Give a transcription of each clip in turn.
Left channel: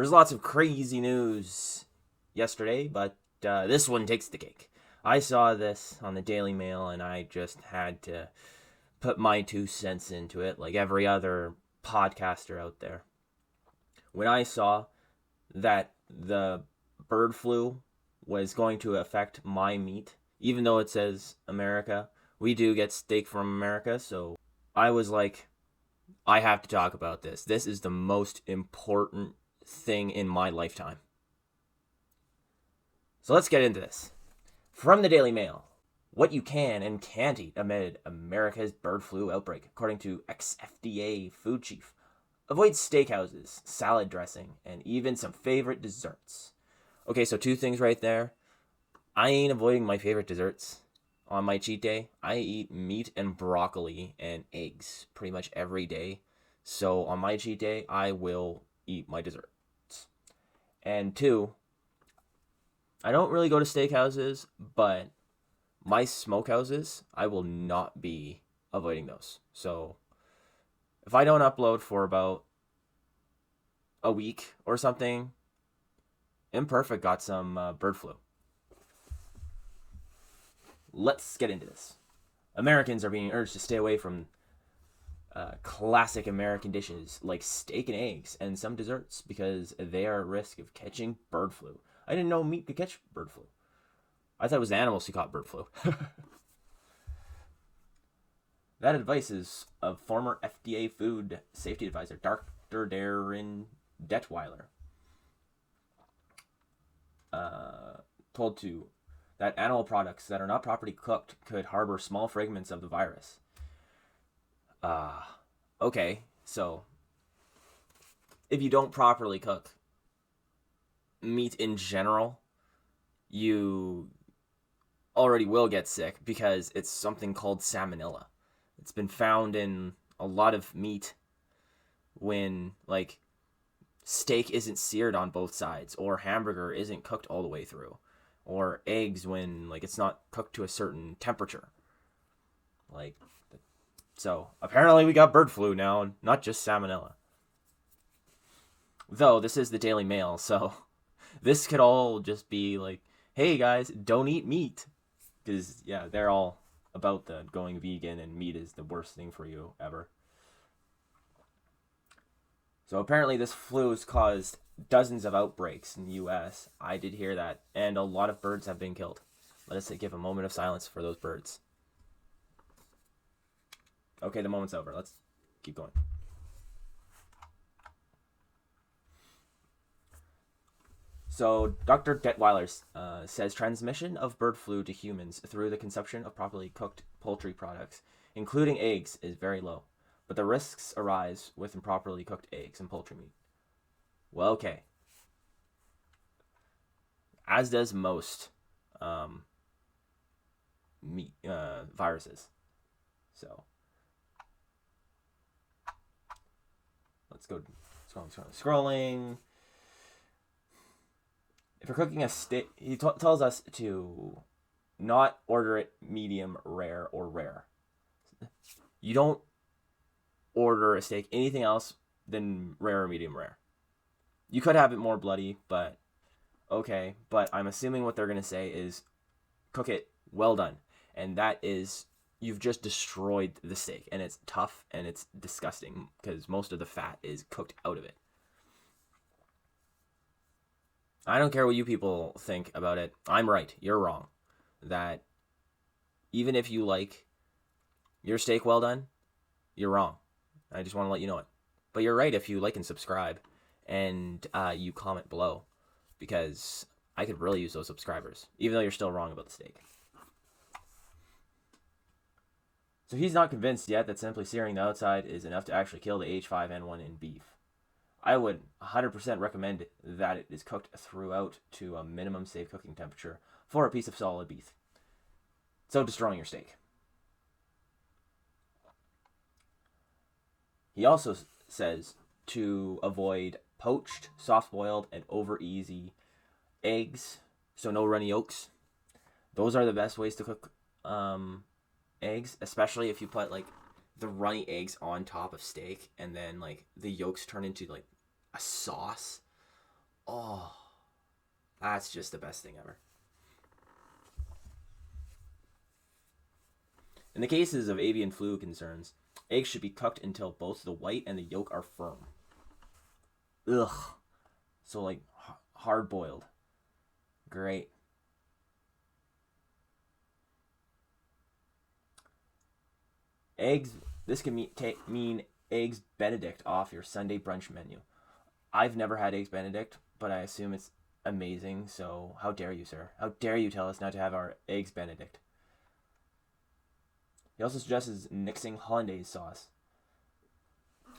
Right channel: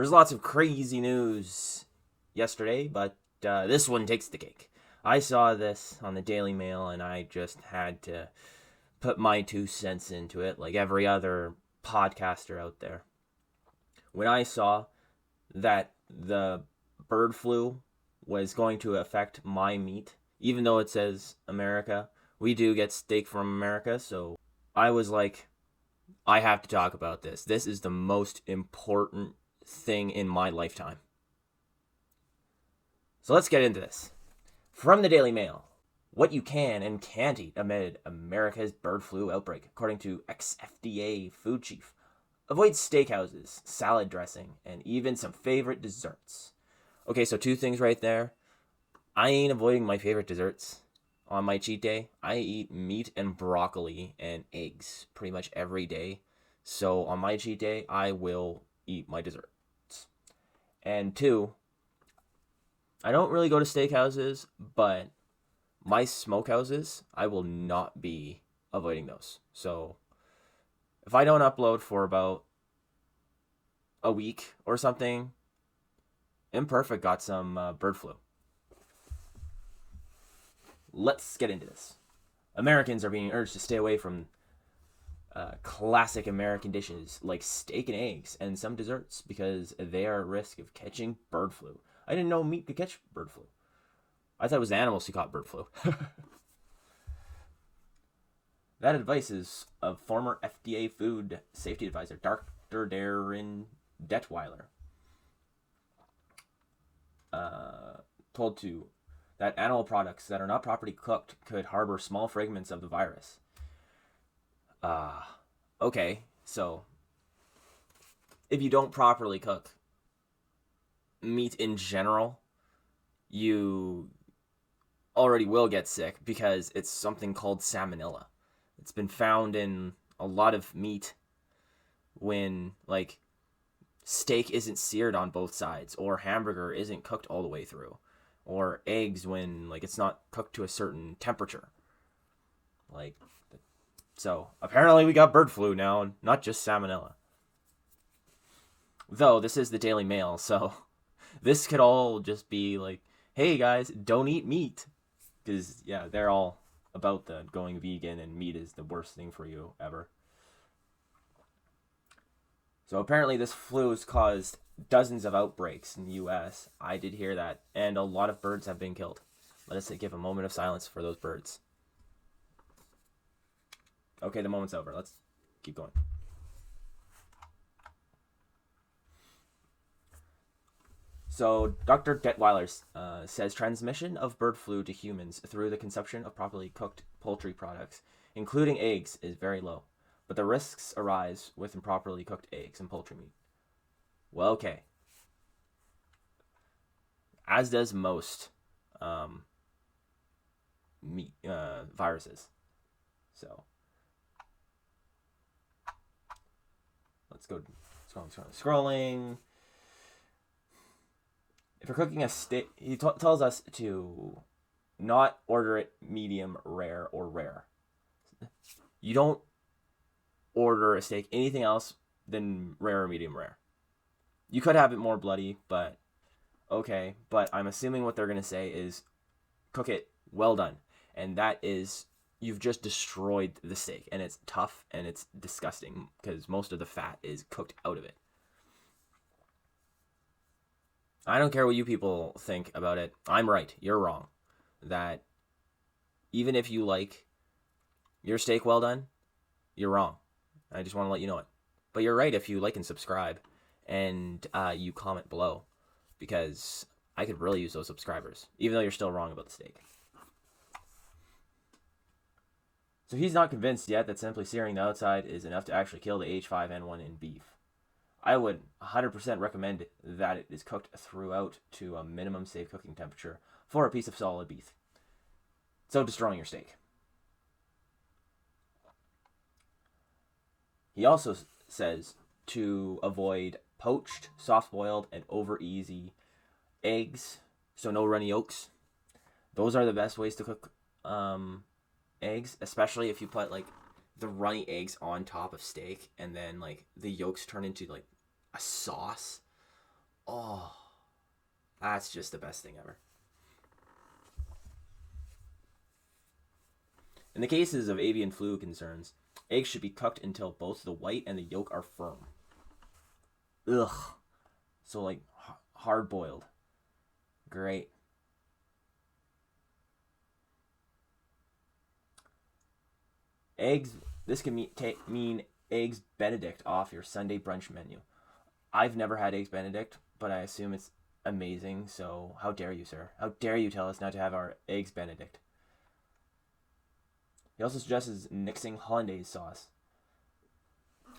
There was lots of crazy news yesterday, but this one takes the cake. I saw this on the Daily Mail, and I just had to put my 2 cents into it, like every other podcaster out there. When I saw that the bird flu was going to affect my meat, even though it says America, we do get steak from America, so I was like, I have to talk about this. This is the most important thing in my lifetime. So let's get into this. From the Daily Mail, what you can and can't eat amid America's bird flu outbreak, according to ex-FDA food chief. Avoid steakhouses, salad dressing, and even some favorite desserts. Okay, so 2 things right there. I ain't avoiding my favorite desserts. On my cheat day, I eat meat and broccoli and eggs pretty much every day. So on my cheat day, I will eat my desserts. And 2, I don't really go to steakhouses, but my smokehouses, I will not be avoiding those. So if I don't upload for about a week or something, Imperfect got some bird flu. Let's get into this. Americans are being urged to stay away from classic American dishes like steak and eggs and some desserts because they are at risk of catching bird flu. I didn't know meat could catch bird flu. I thought it was the animals who caught bird flu. That advice is of former FDA food safety advisor Dr. Darren Detweiler. Told to that animal products that are not properly cooked could harbor small fragments of the virus. Okay, so if you don't properly cook meat in general, you already will get sick because it's something called salmonella. It's been found in a lot of meat when, like, steak isn't seared on both sides, or hamburger isn't cooked all the way through, or eggs when, like, it's not cooked to a certain temperature. Like, so apparently we got bird flu now, and not just salmonella. So this is the Daily Mail, so this could all just be like, hey guys, don't eat meat. Because, yeah, they're all about the going vegan, and meat is the worst thing for you ever. So apparently this flu has caused dozens of outbreaks in the U.S. I did hear that, and a lot of birds have been killed. Let us give a moment of silence for those birds. Okay, the moment's over. Let's keep going. So Dr. Detweiler says transmission of bird flu to humans through the consumption of properly cooked poultry products, including eggs, is very low. But the risks arise with improperly cooked eggs and poultry meat. Well, okay. As does most meat viruses. So let's go. Scrolling. If you're cooking a steak, it tells us to not order it medium rare or rare. You don't order a steak anything else than rare or medium rare. You could have it more bloody, but okay. But I'm assuming what they're gonna say is cook it well done, and that is you've just destroyed the steak, and it's tough and it's disgusting because most of the fat is cooked out of it. I don't care what you people think about it. I'm right. You're wrong. That even if you like your steak well done, you're wrong. I just want to let you know it. But you're right if you like and subscribe, and you comment below, because I could really use those subscribers, even though you're still wrong about the steak. So he's not convinced yet that simply searing the outside is enough to actually kill the H5N1 in beef. I would 100% recommend that it is cooked throughout to a minimum safe cooking temperature for a piece of solid beef. So destroy your steak. He also says to avoid poached, soft-boiled, and over-easy eggs, so no runny yolks. Those are the best ways to cook eggs, especially if you put like the runny eggs on top of steak, and then like the yolks turn into like a sauce. Oh, that's just the best thing ever. In the cases of avian flu concerns, eggs should be cooked until both the white and the yolk are firm. Ugh. So like hard boiled. Great. Eggs. This can mean eggs Benedict off your Sunday brunch menu. I've never had eggs Benedict, but I assume it's amazing. So how dare you, sir? How dare you tell us not to have our eggs Benedict? He also suggests mixing hollandaise sauce.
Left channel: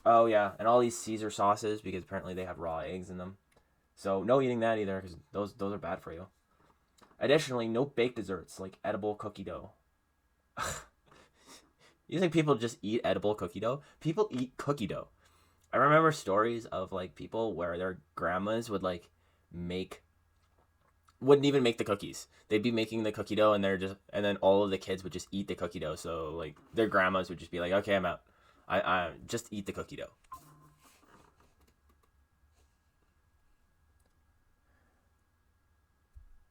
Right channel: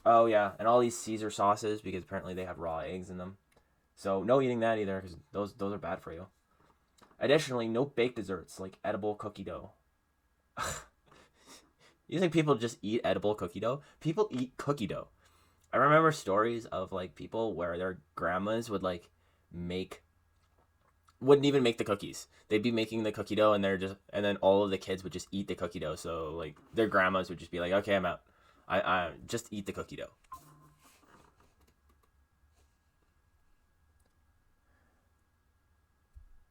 Oh yeah, and all these Caesar sauces because apparently they have raw eggs in them. So no eating that either because those are bad for you. Additionally, no baked desserts like edible cookie dough. You think people just eat edible cookie dough? People eat cookie dough. I remember stories of like people where their grandmas would like make wouldn't even make the cookies. They'd be making the cookie dough and and then all of the kids would just eat the cookie dough. So like their grandmas would just be like, "Okay, I'm out. I just eat the cookie dough."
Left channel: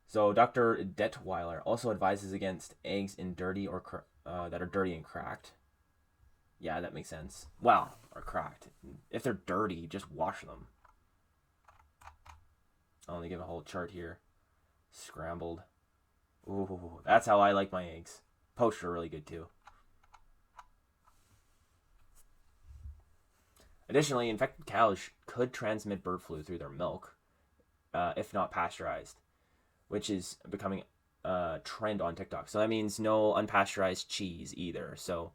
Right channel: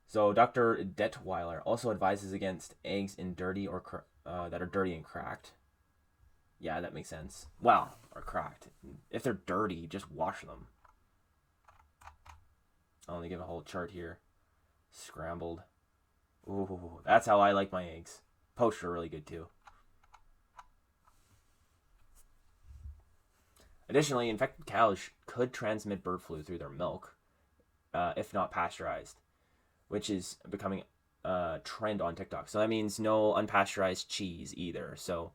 So Dr. Detweiler also advises against eggs in dirty that are dirty and cracked. Yeah, that makes sense. Well, or cracked. If they're dirty, just wash them. Oh, they give a whole chart here. Scrambled. Ooh, that's how I like my eggs. Poached are really good too. Additionally, infected cows could transmit bird flu through their milk, if not pasteurized, which is becoming a trend on TikTok. So that means no unpasteurized cheese either. So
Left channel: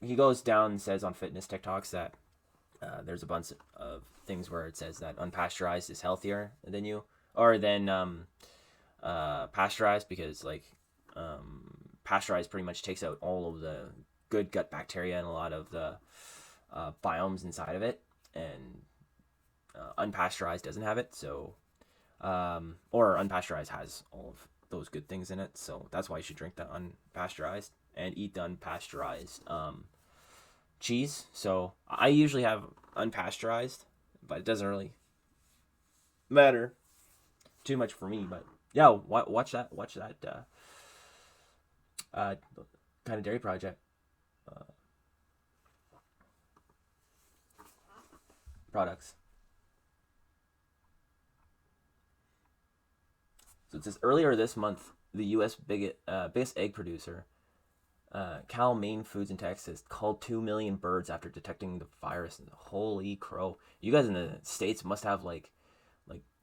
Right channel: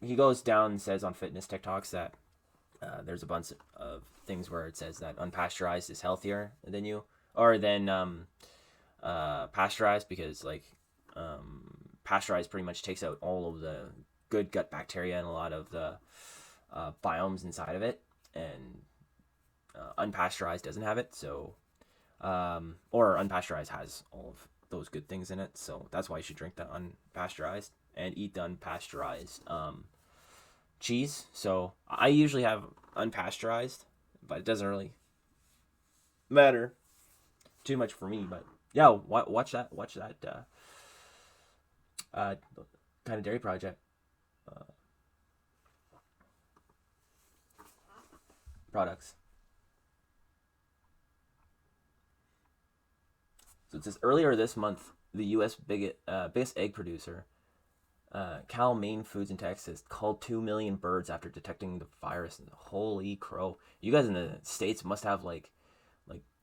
he goes down and says on fitness TikToks that there's a bunch of things where it says that unpasteurized is healthier than you or than pasteurized because like pasteurized pretty much takes out all of the good gut bacteria and a lot of the biomes inside of it, and unpasteurized doesn't have it. So or unpasteurized has all of those good things in it. So that's why you should drink the unpasteurized and eat the unpasteurized cheese. So I usually have unpasteurized, but it doesn't really matter too much for me. But yeah, watch that. Watch that. Kind of dairy project products. So it says earlier this month, the U.S. biggest egg producer, Cal-Maine Foods in Texas, called 2 million birds after detecting the virus. Holy crow! You guys in the states must have like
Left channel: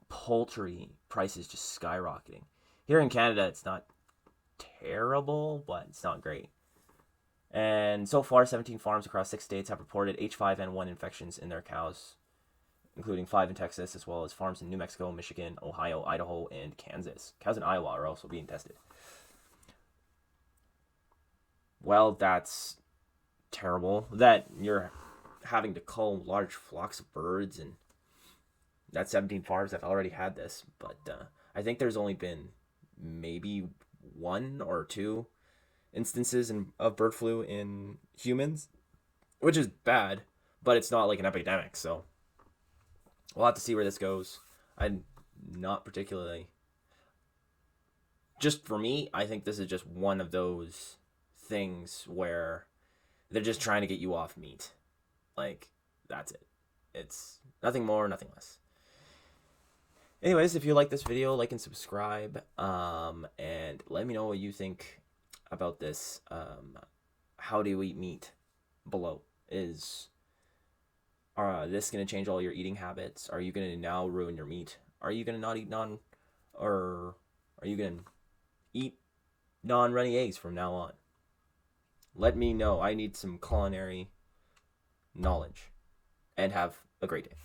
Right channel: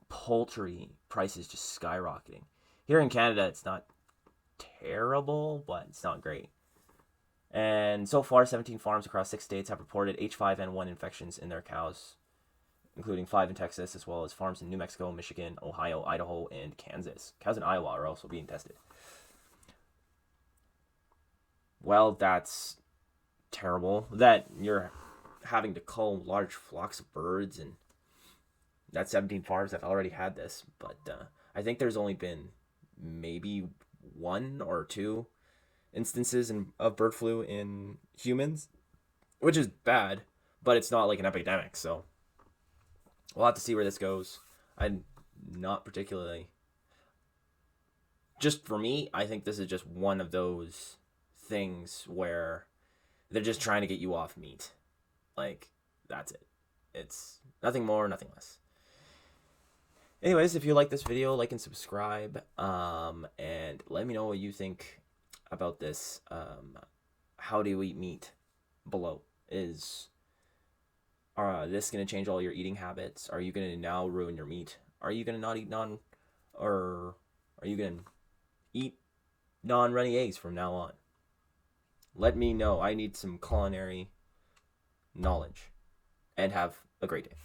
poultry prices just skyrocketing. Here in Canada, it's not terrible, but it's not great. And so far, 17 farms across 6 states have reported H5N1 infections in their cows, including 5 in Texas, as well as farms in New Mexico, Michigan, Ohio, Idaho, and Kansas. Cows in Iowa are also being tested. Well, that's terrible. That you're having to cull large flocks of birds, and that's 17 farms that have already had this. But I think there's only been maybe 1 or 2 instances of bird flu in humans, which is bad, but it's not like an epidemic. So we'll have to see where this goes. I'm not particularly. Just for me, I think this is just one of those things where they're just trying to get you off meat. Like, that's it. It's nothing more, nothing less. Anyways, if you like this video, like and subscribe. And let me know what you think about this. How do you eat meat? Below is this going to change all your eating habits? Are you going to now ruin your meat? Are you going to not eat none? Or are you going to eat non-running eggs from now on? Let me know. I need some culinary knowledge. And have a great day.